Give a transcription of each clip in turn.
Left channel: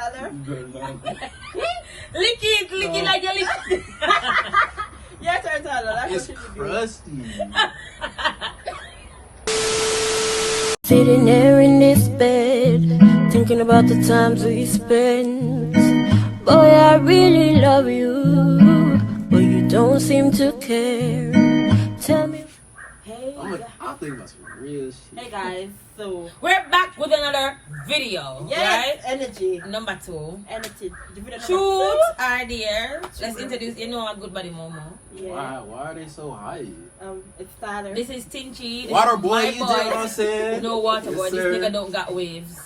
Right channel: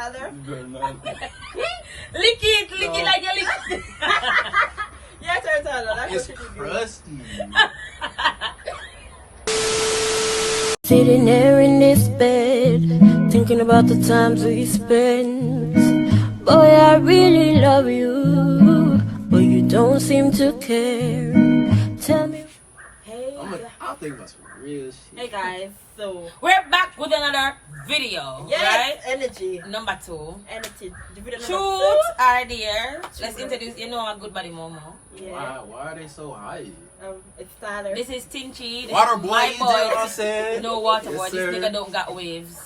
Tyler? Lick it like your lip. Yes, sir, Tyler. That's what you do. Crusty. Sitting there in this bed, thinking about the times we spent. Boy, I really love you, but you don't seem to care. Tell me. Hey, I'm thinking about some real shit. hey guys, so we're back with another video. Yes, right? energy. Number 2. Energy. Video number Shoots are there. Let's Shoot. introduce, you know, a good buddy Momo. Yeah. Why are they so high? It's Tyler. This is Tinchy. Water boy, my you know what I'm saying? No water boy. Yes, This sir. nigga don't got waves.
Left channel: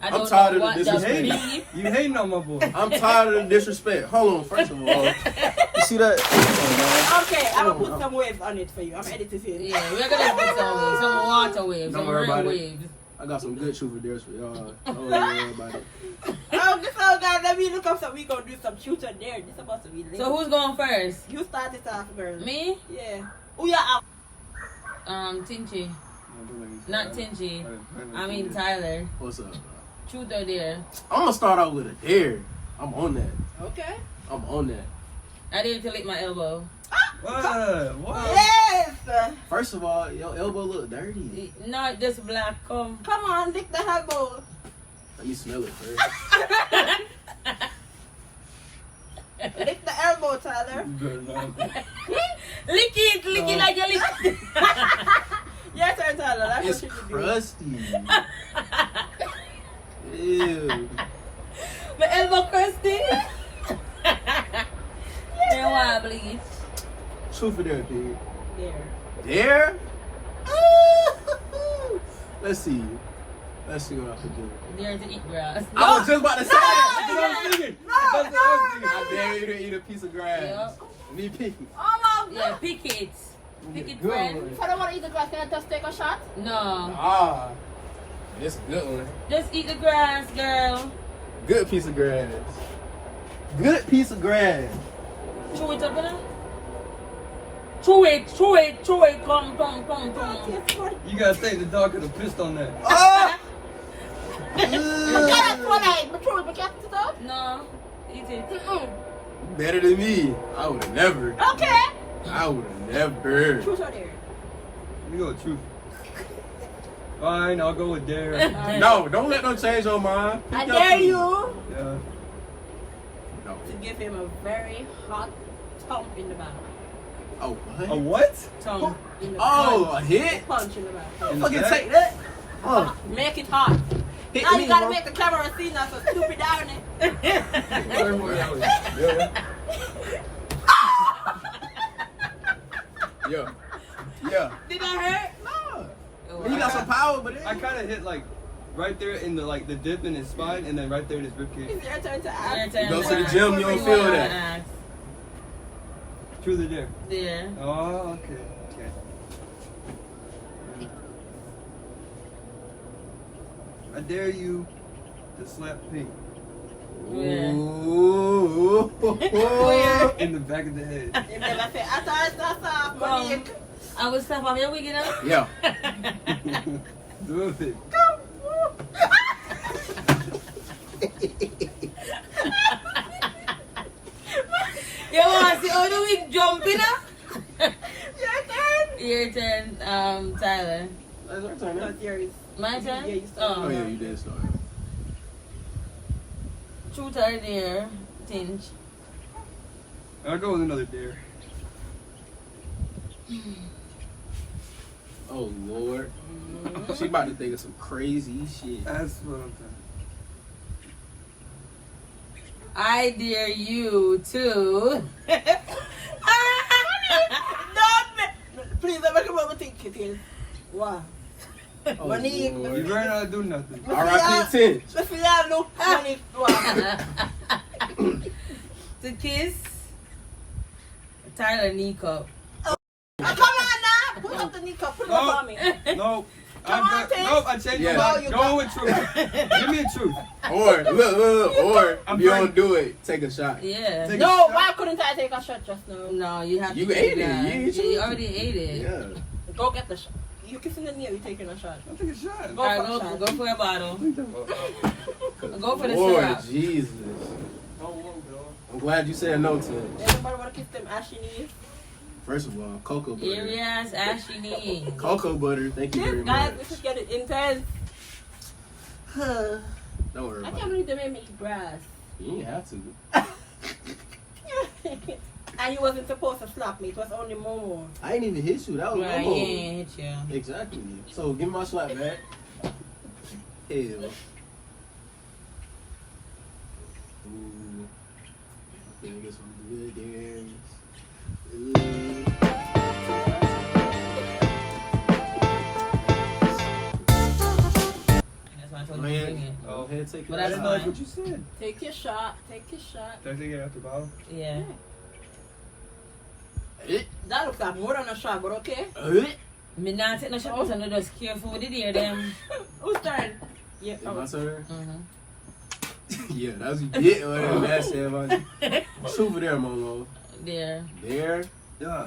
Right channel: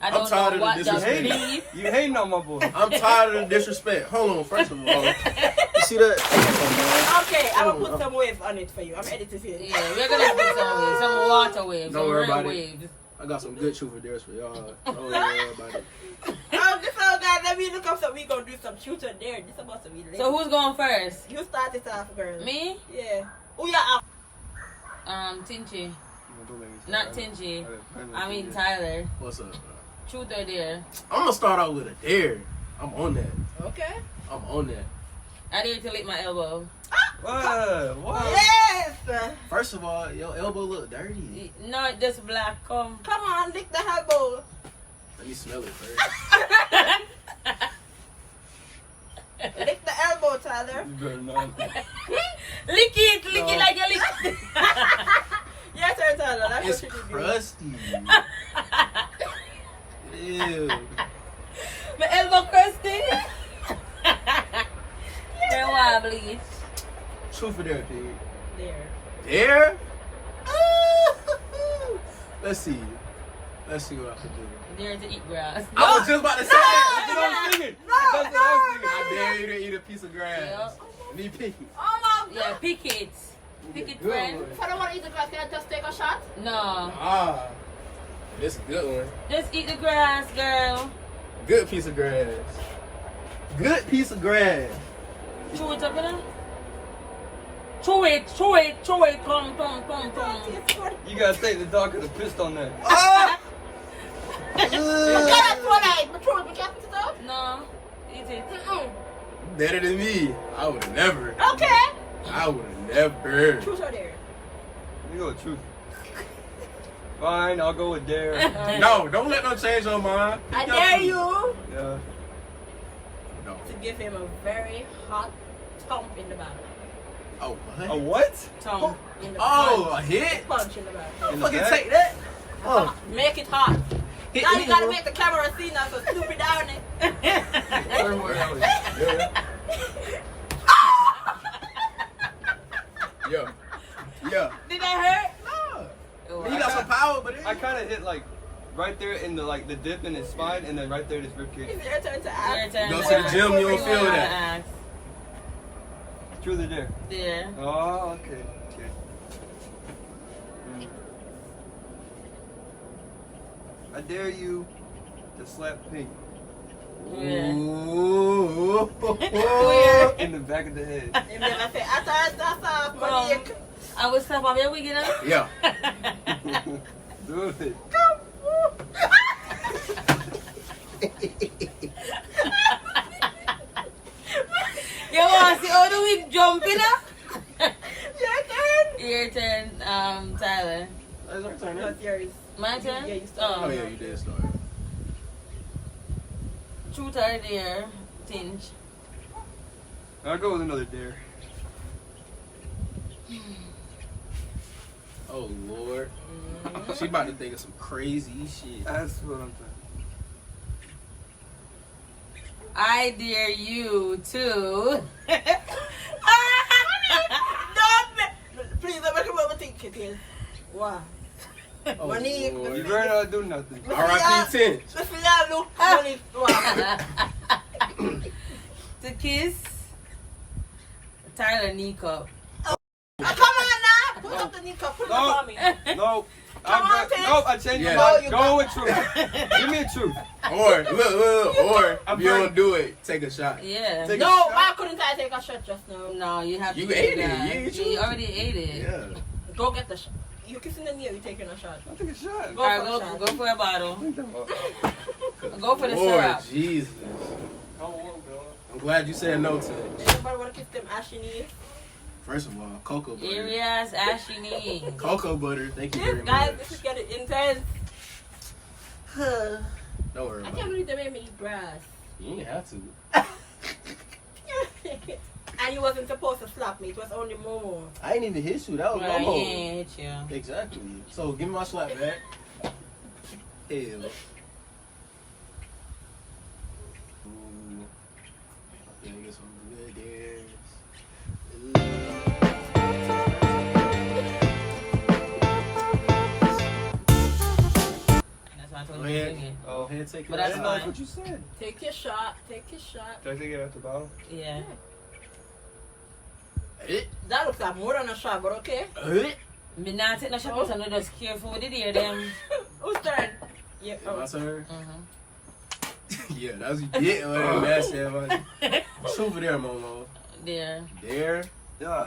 I I'm don't tired know of what the just disrespect. beef. You hating on my boy. I'm tired of the disrespect. Hold on, first of all. You see that? Okay, I'm gonna put some waves on it for you. I'm editing it. Yeah, we're gonna put some water waves. Don't some worry real about it. waves. I got some good truth for y'all. Don't worry about it. So guys, let me look up something. We gonna do some shoot or dare. This supposed to be late. So who's going first? You start it off, girl. Me? Yeah. Oh yeah. Tinchy. Not Tinchy. I mean Tyler. What's up, bro? Truth or dare? I'm gonna start out with a dare. I'm on that. Okay. I'm on that. I dare to lick my elbow. What? Yes. First of all, your elbow look dirty. Not just black. Come. Come on, lick the elbow. Let me smell it first. Lick the elbow, Tyler. Lick it like your lip. Yes, sir, Tyler. That's It's what you do. crusty. Ew. My elbow crusty. They're wobbly. Truth or dare, pig? There. Dare? Let's see. Let's see what I can do. Dare to eat grass. I was just about to say that. No, That's what I'm thinking. no, That's what I'm no, thinking. I dare you to eat a piece of grass. Yep. Me picky. Oh my Yeah, pick it. Pick it, friend. If I don't want to eat the grass, can I just take a shot? No. Ah. This is a good one. Just eat the grass, girl. Good piece of grass. Good piece of grass. Chew it up, you know? Chew it. Come. You gotta say the dog could have pissed on that. Ah! No. Eat it. Better than me. I would have never. Okay. I would have never. Truth or dare? You know the truth. Fine, I'll go with dare. No, don't let them change your mind. I dare you Yeah. No. to give him a very hot thump in the back. Oh, what? A what? Thump in the Oh, back. a hit? Punch in the back. In the Fucking back? take that. Oh. Make it hot. Hit Now me, you gotta bro. make the camera see now, so stupid down it. Yeah. Yeah. Did that hurt? No. He got some power, but it. I kind of hit like right there in the the dip in his spine, and then right there in his ribcage. It's your turn to ask. Go to the gym, you don't feel that. Truth or dare? Yeah. Oh, okay. I dare you to slap Pink Ooh. in the back of the head. If never say, I Monique. I will stop off your wig, you know? Yeah. Do it. You want to see how the wig jump, you know? Your turn. Your turn, Tyler. That's our turn. No, it's yours. My turn? Yeah, you start. Oh, yeah, you did start. Truth or dare, Tinge. I'll go with another dare. Oh, Lord. She about to think of some crazy shit. That's what I'm saying. I dare you to. Please, let me come over think it is. Wow. Oh, Monique, Lord. You learn how to do nothing. R.I.P. 10. Let's see how look Monique. Wow. To kiss Tyler Nico. Oh, come on now. Put up the knee cup. Put it up on me. No. Come on, Tim. Nope, I changed Yeah. my mind. No, you Go with truth. Give me a truth. Or, look. Or, I'm if you burning. don't do it, take a shot. Yeah. Take- No, why couldn't I take a shot just now? No, you have You to ate do it. that. You ain't You choose already ate it. Yeah. Go get the shot. You kissing the nail, you taking a shot. I'll take a shot. Go Alright, for a shot. go for a bottle. What are you talking about? Go for the Lord syrup. Jesus. I'm glad you said no to it. Anybody want to kiss them ashy knees? First of all, cocoa butter. Serious, ashy knee. Cocoa butter, thank you very This, guys, much. this is getting intense. Don't worry I about can't it. believe they made me eat grass. You ain't have to. And you wasn't supposed to slap me. It was only Momo. I ain't even hit you. That was Right, Momo. yeah. Exactly. So give me my slap back. Hell. Ooh. I'm finna get some good there. That's why I Go told you to ahead. drink it. Go ahead, take But it. that's That's fine. not what you said. Take your shot. Take your shot. Did I take it out the bottle? Yeah. That looks like more than a shot, but okay. Me not take no shot, so I'm just careful with it here, them. Whose turn? Yeah. My Oh. turn? Mm-hmm. Yeah, that's what you get. Whatever that said about you. Shoot over there, Momo. There. There. Yeah.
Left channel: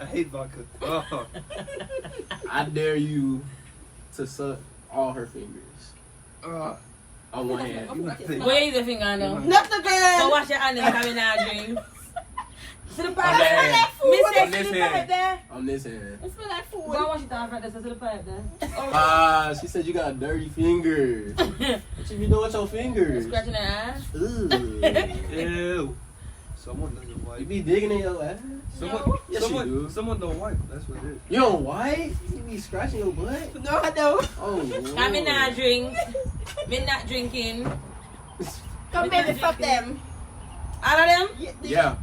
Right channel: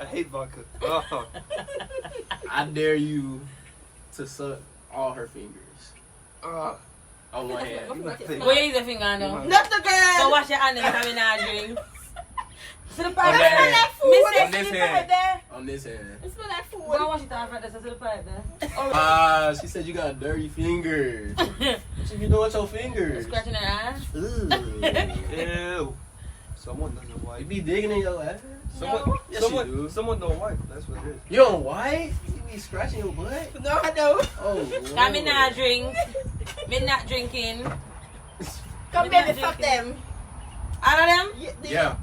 I hate vodka. Oh. I dare you to suck all her fingers. On one hand. Where is the finger now? Not the girl. So wash your hand and come in and drink. To the On part that there. hand. Miss On it, this to the part hand. there. On this hand. It smells like Go food. wash it off right there, to the part there. She said you got dirty fingers. What you be doing with your fingers? Scratching her ass. Ugh. Ew. Someone doesn't You wipe. be digging in your ass? Someone, Yes, you do. someone don't wipe. That's what it is. You don't wipe? You be scratching your butt? No, I don't. Oh, Lord. Come in and drink. Me not drinking. Come, baby, fuck them. All of them? Yeah.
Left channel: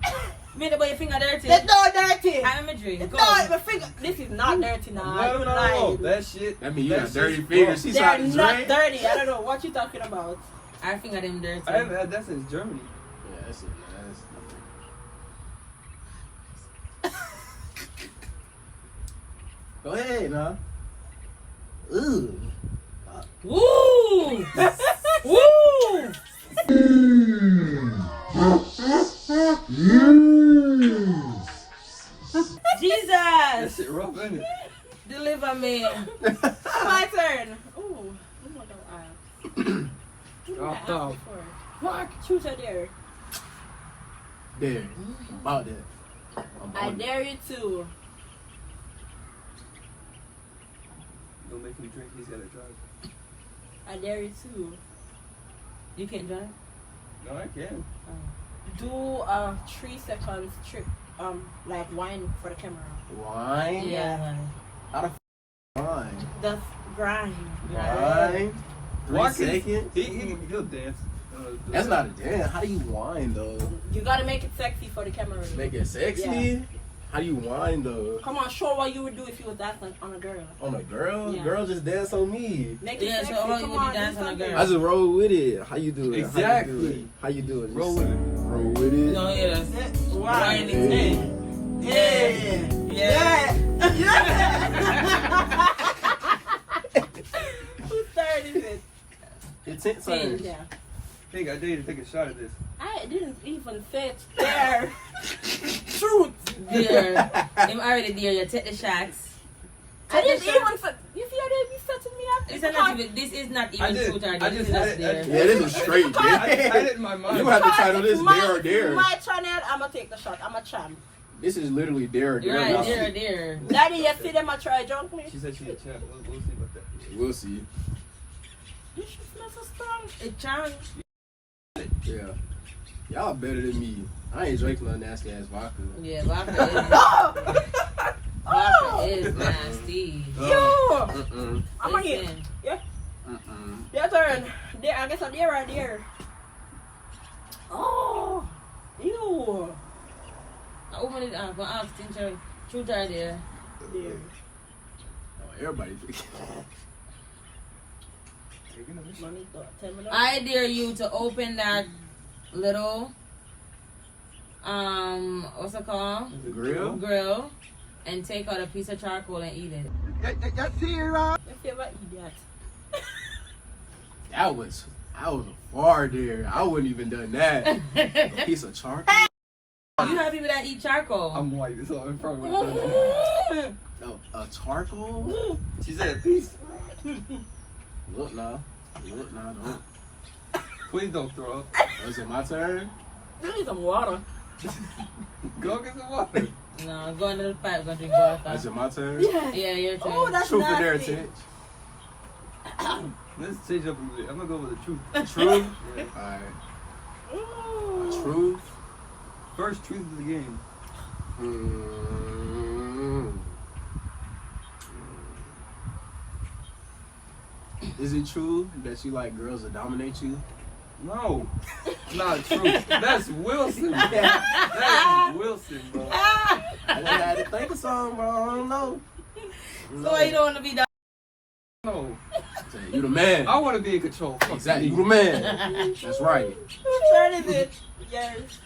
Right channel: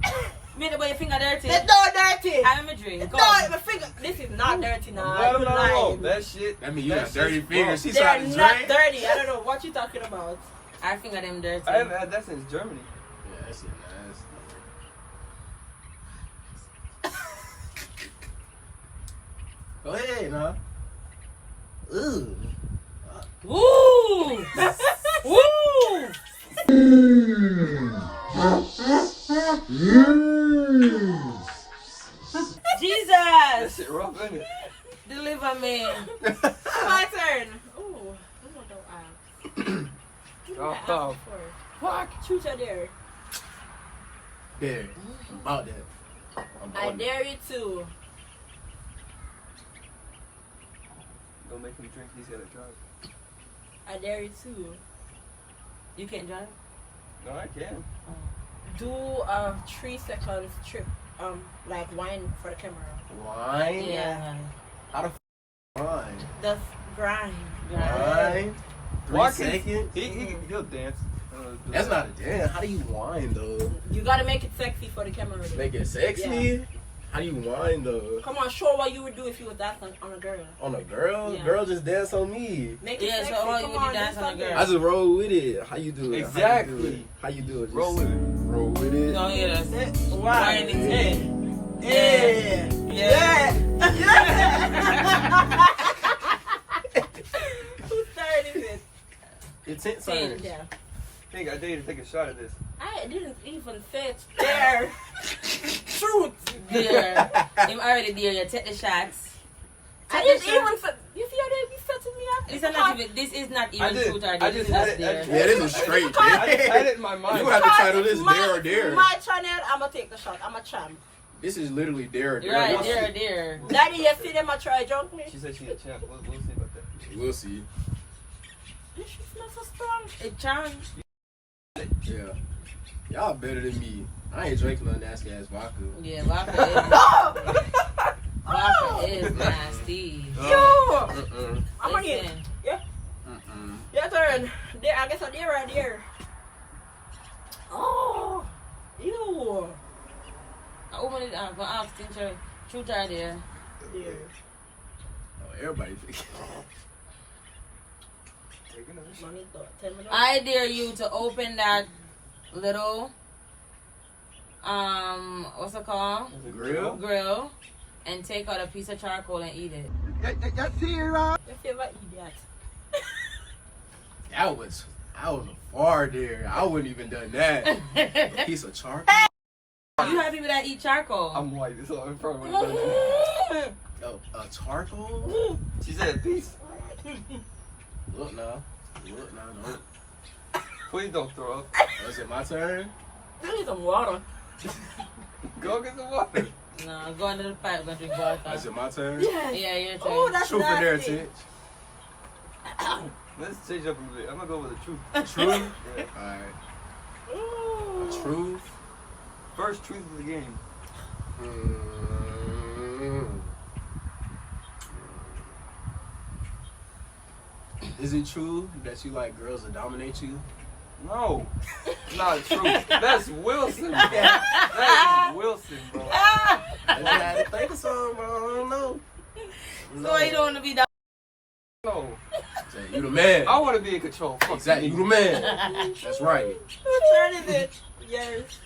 Me the boy your finger dirty. That's not dirty. I'm a drink. It's Go. not my finger. This is not dirty now. No, You no, lying. that shit. That mean you that got dirty shit's fingers. gross. She's They're out to not drink. dirty. I don't know what you talking about. I finger them dirty. I haven't had that since Germany. Yeah, that's it, nice. Go ahead, nah. Ooh. Woo! Woo! That Jesus! shit rough, ain't it? Deliver me. My turn. Ooh, Momo don't ask. Who did I ask Oh. before? Fuck. Truth or dare? There. I'm about that. I'm I on it. dare you to. Don't make me drink. He's gotta drive. I dare you to You can't drive? No, I can. do a 3 seconds trip. Like wine for the camera. Wine? Yeah. How the wine? The grind. Wine? 3 Walk seconds? He'll dance. That's not a dance. How do you whine though? You gotta make it sexy for the camera. Make it sexy? Yeah. How do you whine though? Come on, show what you would do if you was dancing on a girl. On a girl? Yeah. Girl just dance on me. Make it Yeah, so sexy. only Come you on, dance do on a something. girl. I just roll with it. How you do it? Exactly. How you do it? Just Roll with it. Roll with it. No, yeah, that's it. Why? Hey. Yeah. Yeah. Whose turn is it? It's it, son. Yeah. Hey, I dare you to take a shot of this. I didn't even say it there. Truth. Dear. I'm already there. You take the shots. I didn't even say. You see how they be setting me up? This is not even, this is not I even did. truth or I dare. just This is had it. dare. Yeah, this is straight. I had it in my mind. You have to title this my, Dare or Dare. My channel, I'm gonna take the shot. I'm a champ. This is literally Dare or Dare. Right, Y'all there, see- there. Daddy, you see them a try junk me? She said she's a champ. We'll see about that. We'll see. This shit smells so strong. It charms. Yeah. Y'all better than me. I ain't drinking no nasty ass vodka. Yeah, vodka is nasty. Ew! Mm-mm. I'm on here. Listen, Yeah. Mm-mm. Your turn. There, I guess a dare right there. Oh! Ew! I open it up. I'm asking truth or dare. Dare. Oh, everybody picking. Mommy thought 10 minutes. I dare you to open that little what's it called? The grill? Grill and take out a piece of charcoal and eat it. Your favorite idiot. I was a far there. I wouldn't even done that. A piece of charcoal. You have people that eat charcoal. I'm white. It's all in front of me. No, charcoal? She said peace. Look now. Look now. Look. Please don't throw up. Is it my turn? I need some water. Go get some water. No, go into the pipe and drink water. Is it my turn? Yes. Yeah, your turn. Oh, that's Truth or dare, nasty. Tit? Let's change up a little bit. I'm gonna go with the truth. Truth? Yeah. Alright. Ooh. Truth? First truth of the game. Is it true that you like girls that dominate you? No, not true. That's Wilson. That is Wilson, bro. I just had to think of something, bro. I don't know. So why you don't want to be down? No, You the man. I want to be in control. Fuck Exactly. you. You the man. That's right. Whose turn is it? Yours.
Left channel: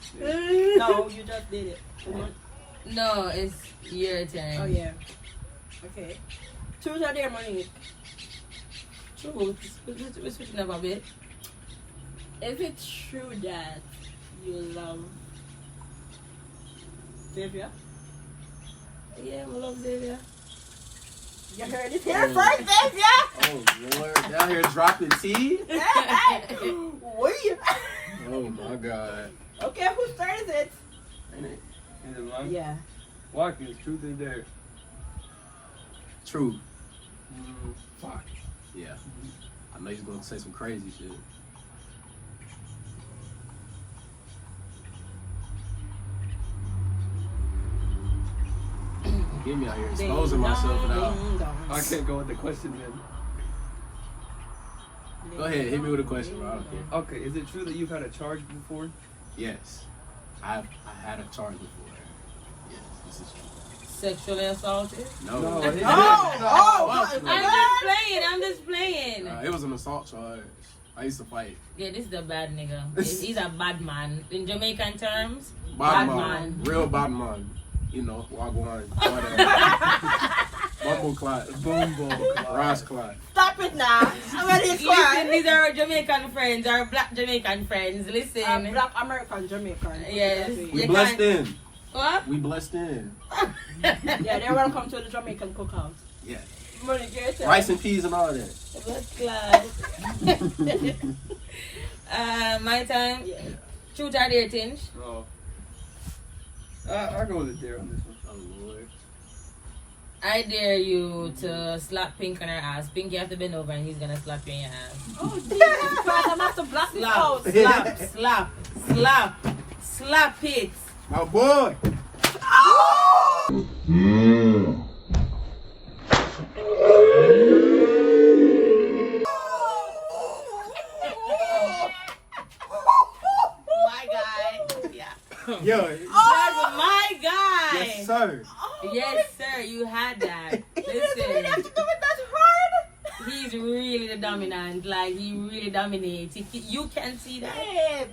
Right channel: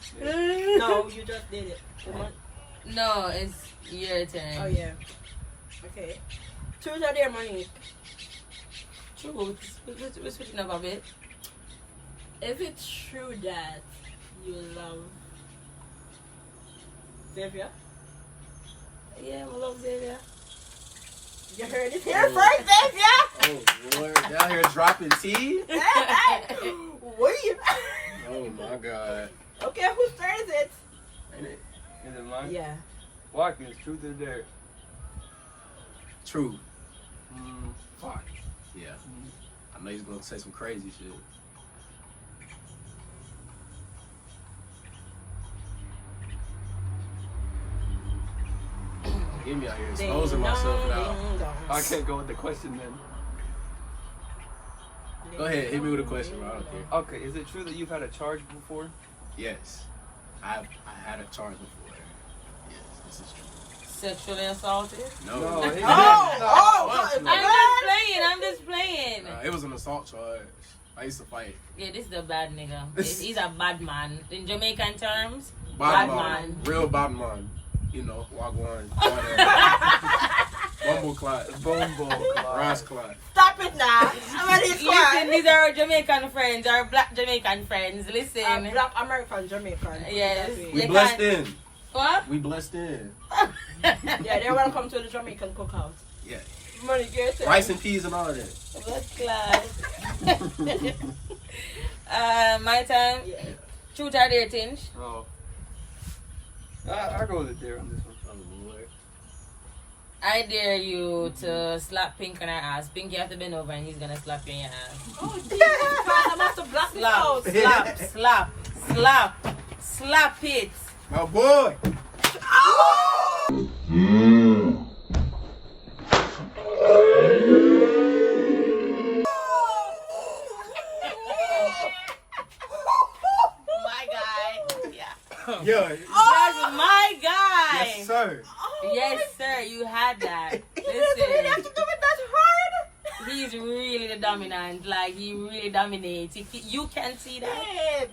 No, you just did it. No, it's your turn. Oh yeah. Okay. Truth or dare, Monique? True. We're switching up a bit. Is it true that you love Xavier? Yeah, I love Xavier. You heard it here first, Xavier! Oh, Lord. Down here dropping tea? Wait. Oh, my God. Okay, whose turn is it? Ain't it? Is it mine? Yeah. Watkins, truth is there. True. Fuck. Yeah. I know you're going to say some crazy shit. Get me out here exposing myself now. I can't go with the question then. Go ahead, hit me with a question, bro. I don't care. Okay, is it true that you've had a charge before? Yes. I had a charge before. Yes, this is true. Sexually assaulted? No. No, it, he- I'm just playing. it was an assault charge. I used to fight. Yeah, this is a bad nigga. He's a bad man. In Jamaican terms, Bad bad man. man. Real bad man. You know, wagwan. Bumble clot. Rice clot. Stop it now. I'm ready to Listen, cry. these are our Jamaican friends, our black Jamaican friends. Listen. Black American Jamaican. Yes. We They blessed can't- in. What? We blessed in. Yeah, they're welcome to the Jamaican cookout. Yeah. Money, get it. Rice and peas and all that. First class. My time. Yeah. Truth or dare, Tinge? Oh. I'll go with the dare on this one. Oh, Lord. I dare you to slap Pink on her ass. Pink, you have to bend over and he's gonna slap you in your ass. Oh, Jesus Christ, I'm about to blast this out. Slap it. My boy. My guy. Yeah. Yo. That's my guy. Yes, sir. Yes, sir. You had that. You really have to do it that hard? He's really the dominant. Like, he really dominates. You can see that. Shit.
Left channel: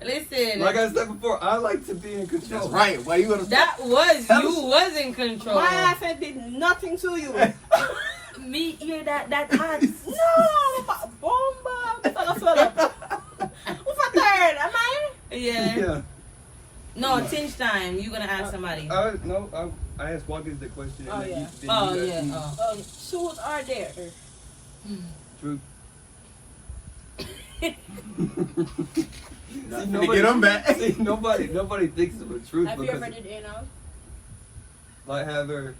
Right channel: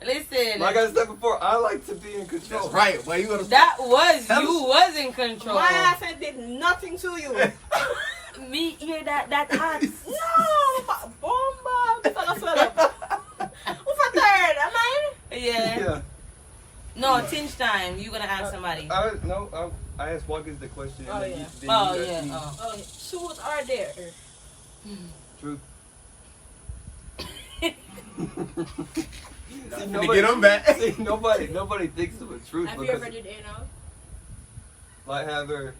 Listen. Like I said before, I like to be in control. That's right. Why you gonna That was, Tell you us. was in control. My ass did nothing to you. Me hear that hot. No, bomba. Shut up. Who's a third? Am I? Yeah. Yeah. No, Tinge time. You gonna ask somebody. No, I asked Watkins the question. Oh, and yeah. then Oh, you yeah. asked Oh. Shoes are there. me. Truth. Nothing to get them back. See, nobody thinks of a truth Have you because ever did anal? like have her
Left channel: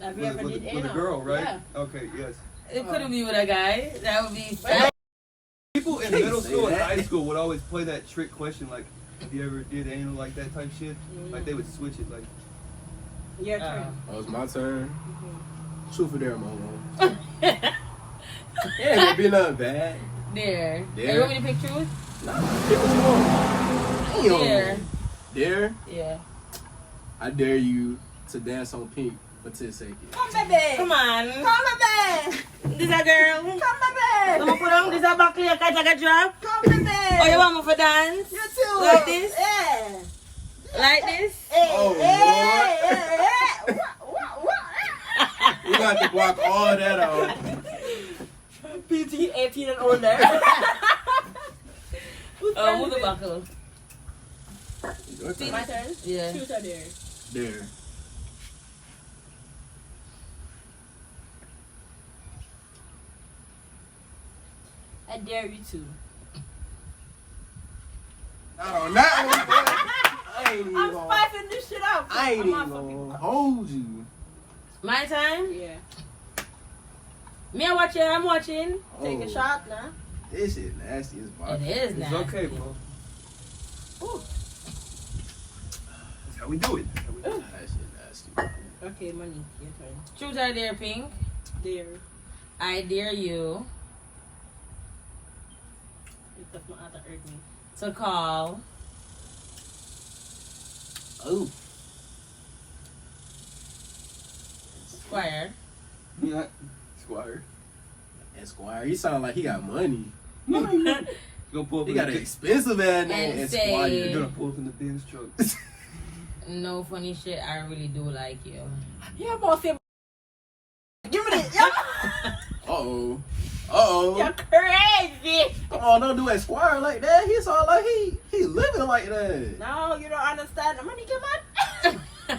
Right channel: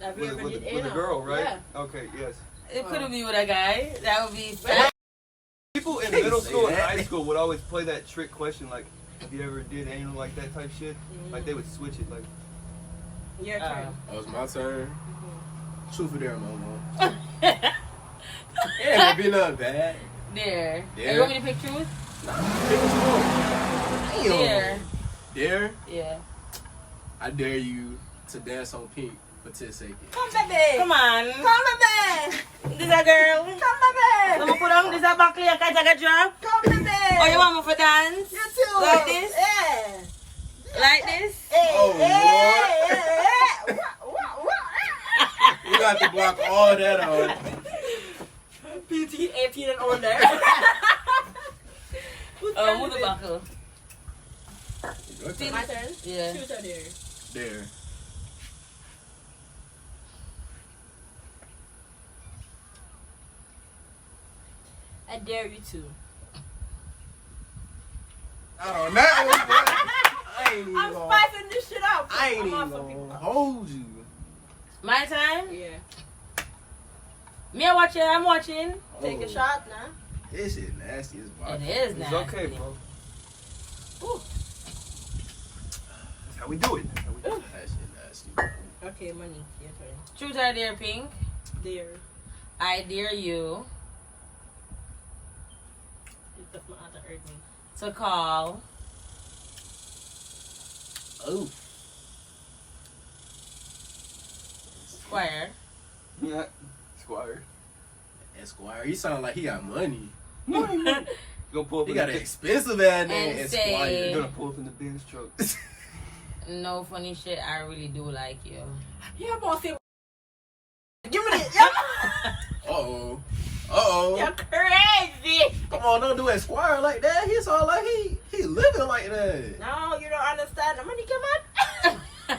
Have you with, ever with, did with anal? a girl, right? Yeah. Okay, yes. It couldn't be with a guy. That would be. People in Can't middle say school and that. high school would always play that trick question like, have you ever did anal like that type shit? Like they would switch it like. Your turn. Oh, it's my turn. Truth or dare, Momo. Yeah, it be nothing bad. There. There. You want me to pick truth? Dare. There. Dare? Yeah. I dare you to dance on Pink for 10 seconds. Come, baby. Come on. Come, baby. This a girl. Come, baby. I'ma put on this a back here, catch a drop. Come, baby. Oh, you want me for dance? You too. Like this? Yeah. Like this? Hey, Oh, hey, Lord. hey, hey. What? You got to block all that out. PT 18 and older. Who's turn Move is the it? buckle. Your turn. My turn? Yeah. Truth or dare? Dare. I dare you to. Oh, not I ain't even I'm gonna- spicing this shit up. I ain't I'm even on for people. gonna hold you. My time? Yeah. Me watching, I'm watching. Take a shot now. This shit nasty as fuck. It is It's now. okay, bro. Ooh. That's how we do it. That's how we do it. That shit nasty. Okay, money. Your turn. Truth or dare, Pink? Dare. I dare you It does not have to hurt me. to call Oh. Squire. Yeah. Squire. Esquire, he sound like he got money. You gonna pull up He in got the an expensive ass name, And say- Esquire. You gonna pull up in the Benz truck. No funny shit, I really do like you. Yeah, boss. Give me this. Yeah. Uh-oh. Uh-oh. You're crazy. Come on, don't do Esquire like that. He sound like he living like that. No, you don't understand. The money come out.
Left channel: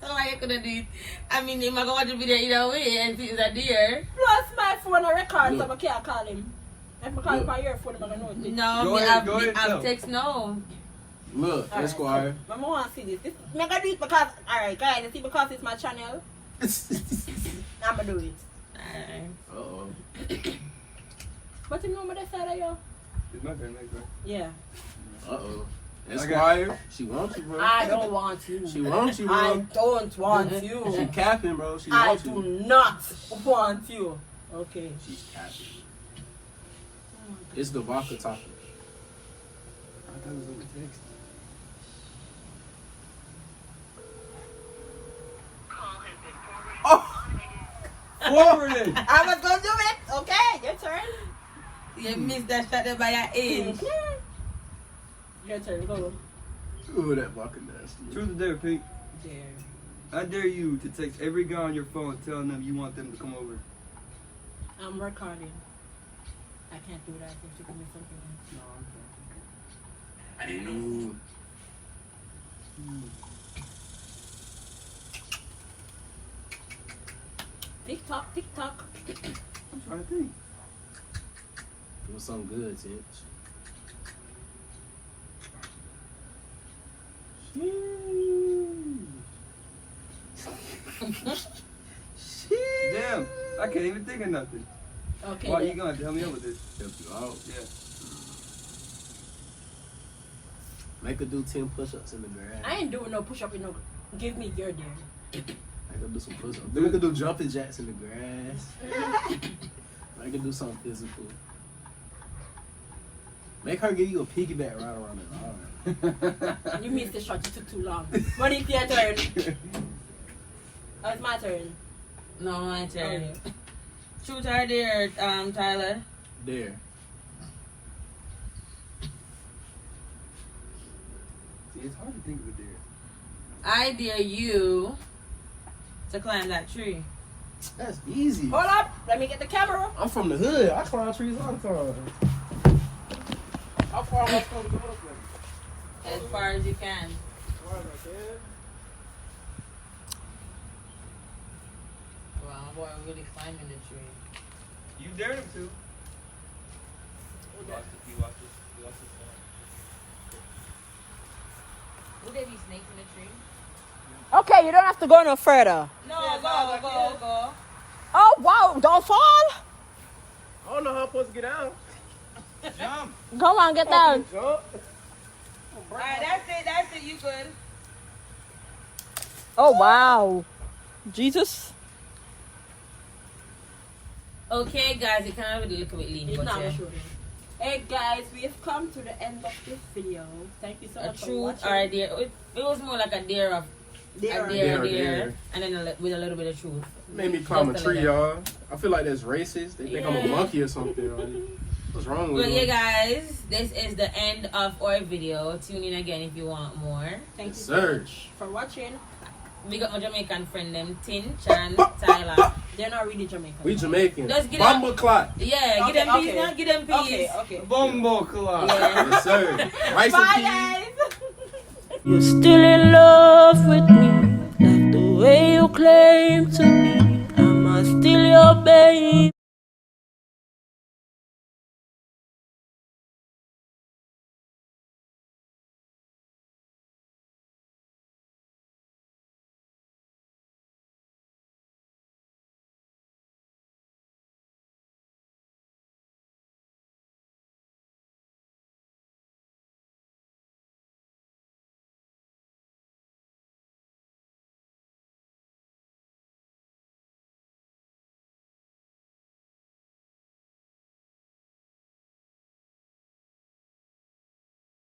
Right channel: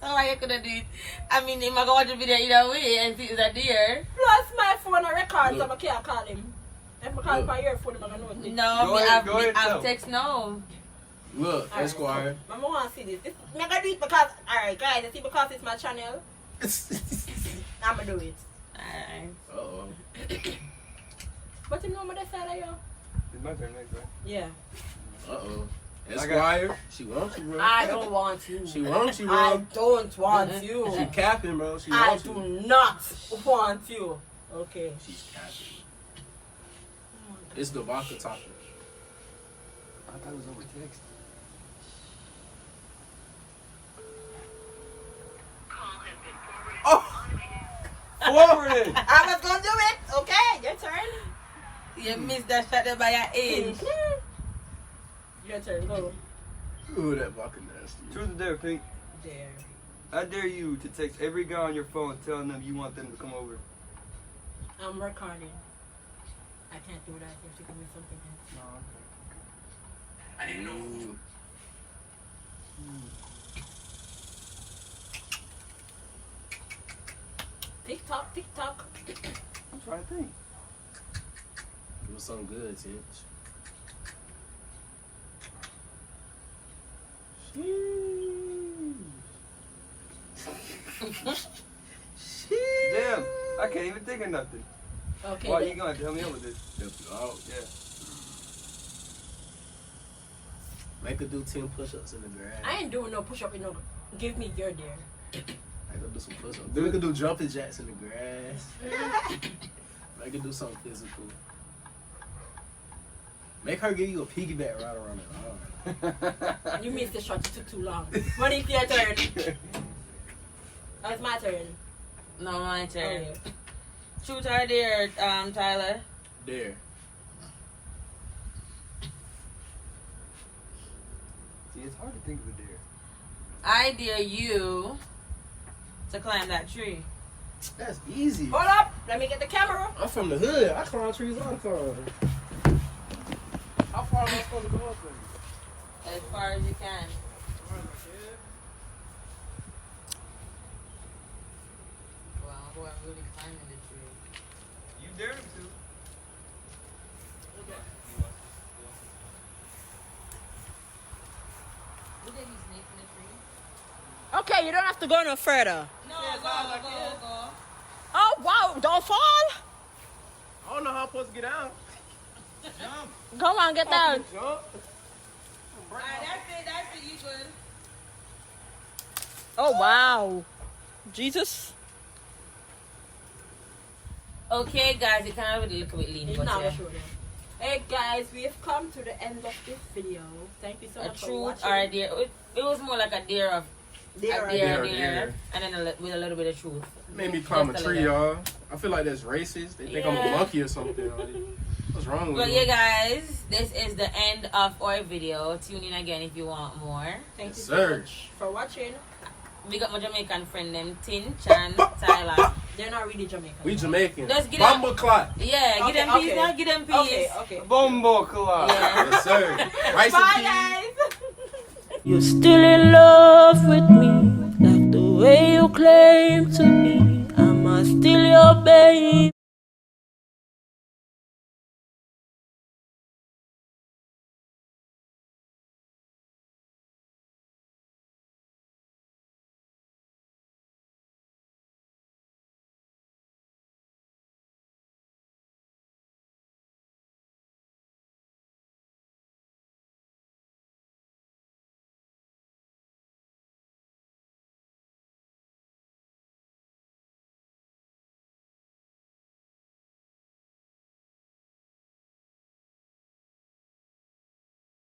So I could have did. I mean, if I go watch the video either way and see that deer. Plus my phone a record, so Look. I can't call him. If I call him Look. on your phone, I'm gonna know it. No, Go me, ahead, go ahead, I'll tell. text no. Look, Alright, Esquire. come. I want to see this. Me gonna do it because, alright, guys, you see, because it's my channel, I'm gonna do it. Alright. Uh-oh. But you know what I said, yo? It's my turn next, right? Yeah. Uh-oh. Esquire, she wants you, bro. I don't want you. She wants you, I bro. don't want She you. capping, bro. She I wants do you. not want you. Okay. She's capping. It's the vodka topic. I thought it was over text. Oh! Forwarded! I was gonna do it. Okay, your turn. You missed that shot there by your age. Your turn. Go. Ooh, that vodka nasty. Truth or dare, Pink? There. I dare you to text every guy on your phone telling them you want them to come over. I'm recording. I can't do that. If you give me something. Ooh. TikTok, TikTok. I'm trying to think. It was something good, Tinch. Damn, I can't even think of nothing. Okay. Why you gonna tell me over this? Help you out. Yeah. Make her do 10 push-ups in the grass. I ain't doing no push up. You know, give me your dare. Make her do some push-ups. Then we could do jumping jacks in the grass. Make her do something physical. Make her give you a piggyback right around the arm. You missed the shot. You took too long. But it's your turn. Oh, it's my turn. No, my Oh, turn. yeah. Truth or dare, Tyler? There. See, it's hard to think of a dare. I dare you to climb that tree. That's easy. Hold up. Let me get the camera. I'm from the hood. I climb trees all the time. How far am I supposed to go? As far as you can. Wow, boy, I'm really climbing the tree. You dare him to. Would there be snakes in the tree? Okay, you don't have to go no further. No, go. Oh, wow. Don't fall. I don't know how I'm supposed to get out. Go on, get down. Jump. Alright, that's it, you good. Oh, wow. Jesus. Okay, guys, it kind of a little bit lean. It's but not yeah. shooting. Hey, guys, we have come to the end of this video. Thank you so A much for truth watching. or a dare. It was more like a dare of Dare. a dare, Dare. and then with a little bit of truth. Made me climb a Just tree, little. y'all. I feel like that's racist. They think I'm a Yeah. monkey or something. Like, what's wrong with But yeah, me? guys, this is the end of our video. Tune in again if you want more. Thank you Yes, so sir. much for watching. We got my Jamaican friend them, Tinch and Tyler. They're not really Jamaican. We Jamaican. Let's get Bomba clot. Yeah, Okay, give them peace, okay. man. Give them peace. Okay, okay. Bumbo collide. Yeah. Yes, sir. Rice Bye, and peas. guys. You're still in love with me, like the way you claim to be. Am I still your babe?